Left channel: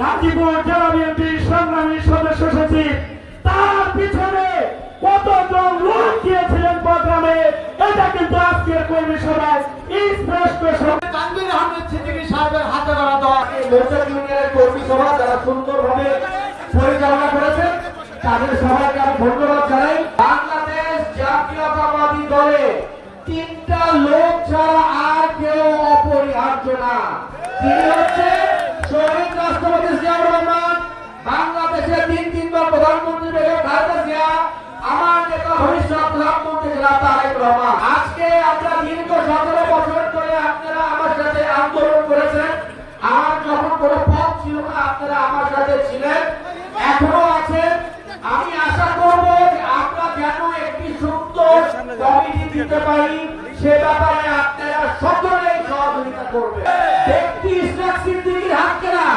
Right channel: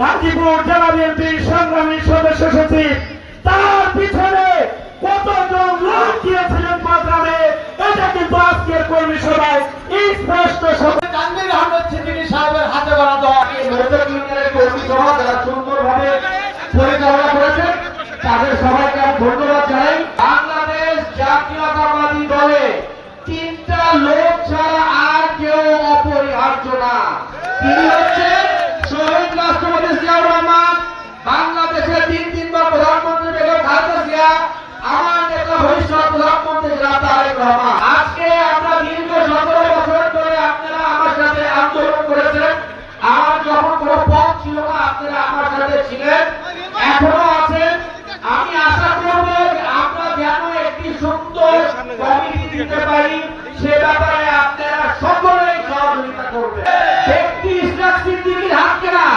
গাজীপুর জেলা বিএনপির সংগ্রামী সদস্য সচিব, তার পিছনে কতজন লোক গিয়েছিলেন প্রোগ্রামে এটা কিন্তু আজকের কর্মী সভায় স্পষ্ট সিদ্দিকী সাহেবের হাতে গড়া দেওয়া কর্মী সভা যারা সুন্দরভাবে পরিচালনা করেছেন তাদের সবাইকে আমি ধন্যবাদ জানাই। বাংলাদেশ জাতীয়তাবাদী দলে তিনটা লোক ছাড়া আর কেউ অপরিহার্য না। তিনি হচ্ছেন শহীদ রাষ্ট্রপতি আমার ভবিষ্যৎ প্রধানমন্ত্রী তারেক রহমান। আজকে আমরা দীর্ঘ সতেরো বছর ধরে আপনারা আমার সাথে আন্দোলন করেছেন। আমার যখন কোনো পথ ছিল না, আপনারা আমার সাথে ছিলেন। এখনও আছেন। আমি আশা করব আমরা যেন একটি সুন্দর কমিটি দিতে পারি। সে ব্যাপারে আপনারা সকলেই সহযোগিতা করবেন। ব্যক্তি ইসলাম সিদ্দিকীর হাতকে না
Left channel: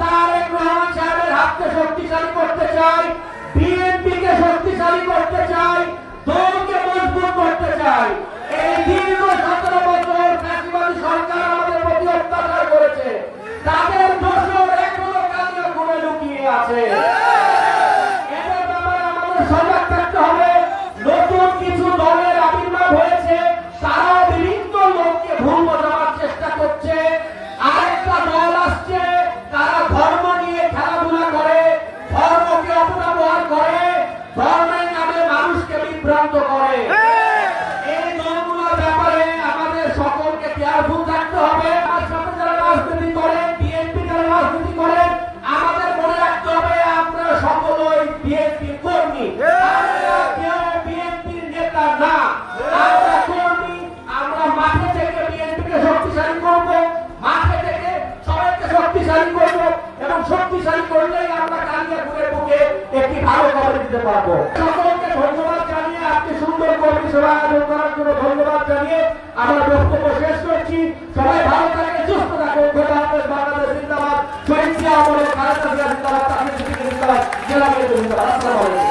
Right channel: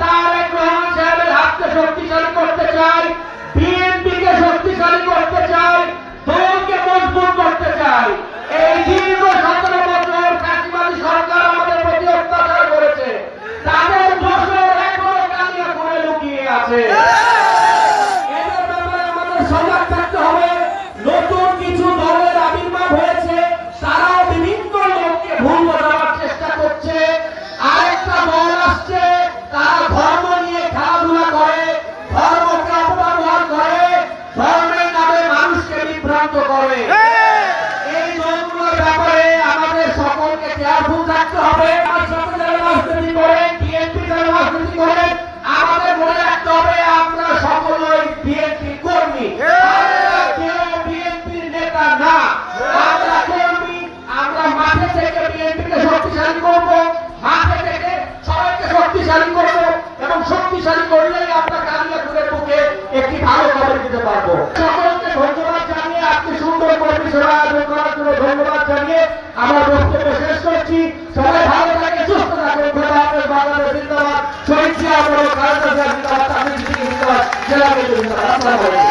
তারেক রহমান সাহেবের হাতকে শক্তিশালী করতে চাই। করে এই দলগুলোর ব্যাপারে আমাদের সকলকে কেয়ারফুল থাকতে হবে। আমার সাথে যারা রাজনীতি করেন বিএনপি যারা রাজনীতি করেন আমাদের মনে রাখতে হবে আমরা সকলেই বিএনপি কর্মী। আমরা কেউ বিএনপির নেতা না। আমরা কর্মী আমরা মাঠে থেকে বিএনপিকে শক্তিশালী করব। মাঠে থেকে সবাইকে শক্তিশালী করব এবং শক্তিশালী করলেই আমরা কালিয়াপুরের বুকে একটি ভালো খবর দিতে পারব। সকলকে ধন্যবাদ জানিয়ে আমার বক্তব্য শেষ করছি। সবাই ভালো থাকে সুস্থ থাকে বাংলাদেশ জিন্দাবাদ। শহীদ জিন্দাবাদ জেলা আসসালামু আলাইকুম।